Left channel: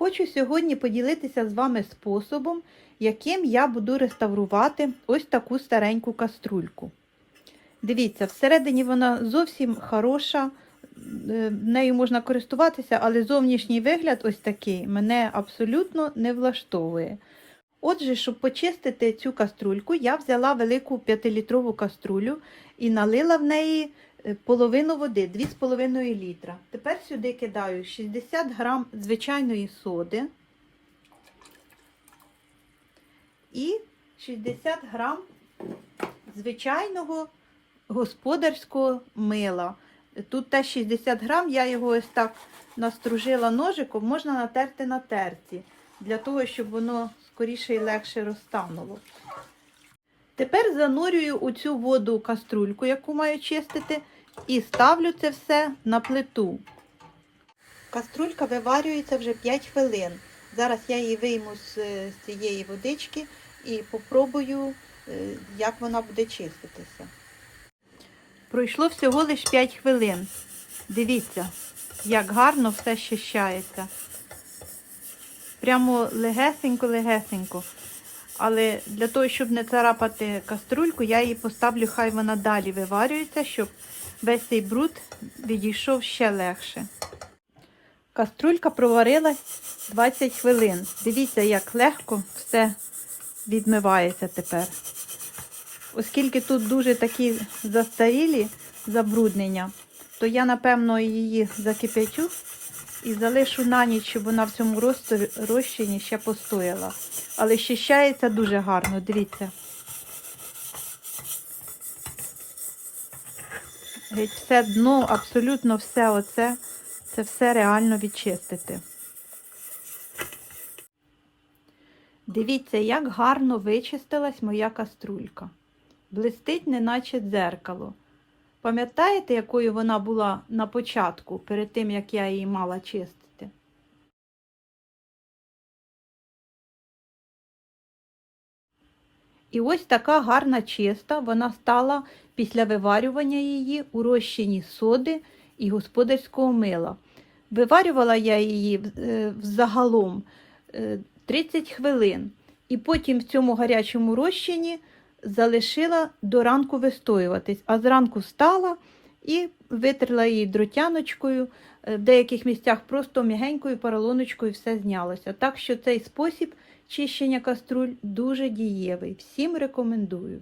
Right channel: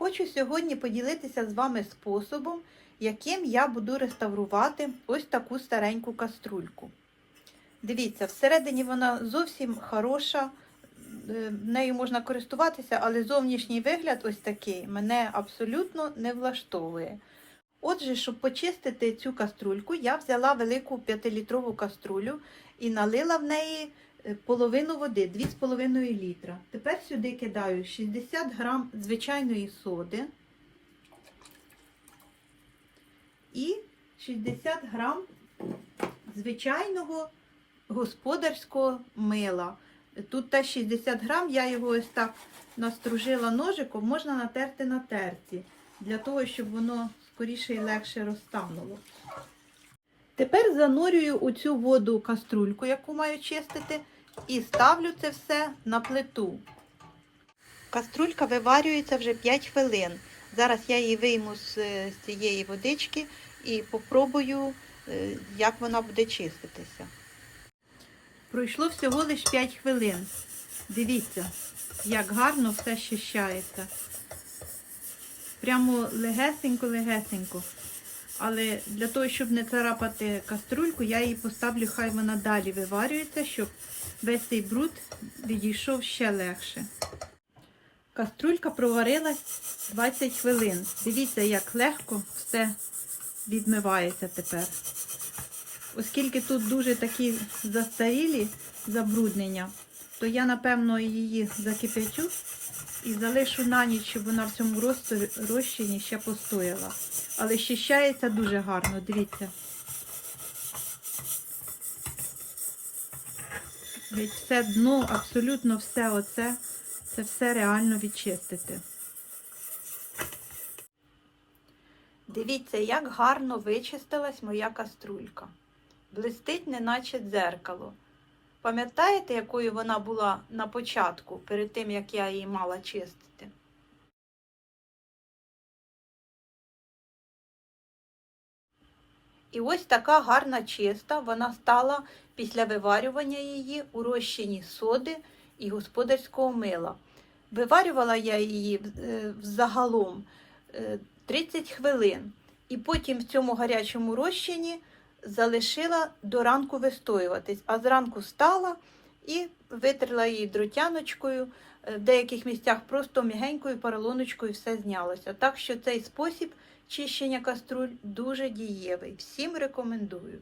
Хочу сьогодні поділитися з вами способом, яким я буду реставрувати ось таку стареньку каструльку. Дивіться, всередині вона зовсім хороша, е, нею можна користуватися, але зовнішній вигляд ось такий мене абсолютно не влаштовує. Отже, щоб почистити цю каструльку, я взяла велику 5-літрову каструлю і налила в неї половину води, 2,5 літра. Тепер сюди кидаю 60 грам звичайної соди і 60 грам звичайного господарського мила. Тут теж 60 грам, я його ось так настружила ножиком, можна натерти на терці, для того, щоб воно скоріше і легше розтануло. Тепер занурюю у цю воду каструльку, яку маю чистити, і ставлю це все на плиту. Каструлька виварюється вже 5 хвилин. Зараз я її вийму з цієї водички і попробую, е, як вона буде чиститися. Пройшло всього лише 5 хвилин. Дивіться, як гарно все щищається. Прямо легесенько-легесенько. Але для того, щоб не царапати каструльку, я її поставлю, хай вона далі виварюється, щоб весь цей бруд відійшов ще легше. Каструлька проварилась 20 хвилин. Дивіться, як легко все відмивається тепер. Оскільки тут дуже такі застарілі забруднення, то я, напевно, її закипячу і залишу на ніч, щоб вона в цьому розчині ще постояла. Але щищається дуже гарно, дивіться. Геть все дно, абсолютно все оце, це все реально відчистити. Дивіться, як гарно вичистилась моя каструлька. Блистить, неначе дзеркало. Пам'ятаєте, якою вона була на початку, перед тим, як я її мала чистити? І ось така гарна чиста вона стала після виварювання її у розчині соди і господарського мила. Виварювала я її е, взагалом е, 30 хвилин. І потім в цьому гарячому розчині залишила до ранку вистоюватись, а зранку встала і витерла її дротяночкою. Е, В деяких місцях просто м'ягенькою поролоночкою все знялося. Так що цей спосіб чищення каструль дуже дієвий. Всім рекомендую.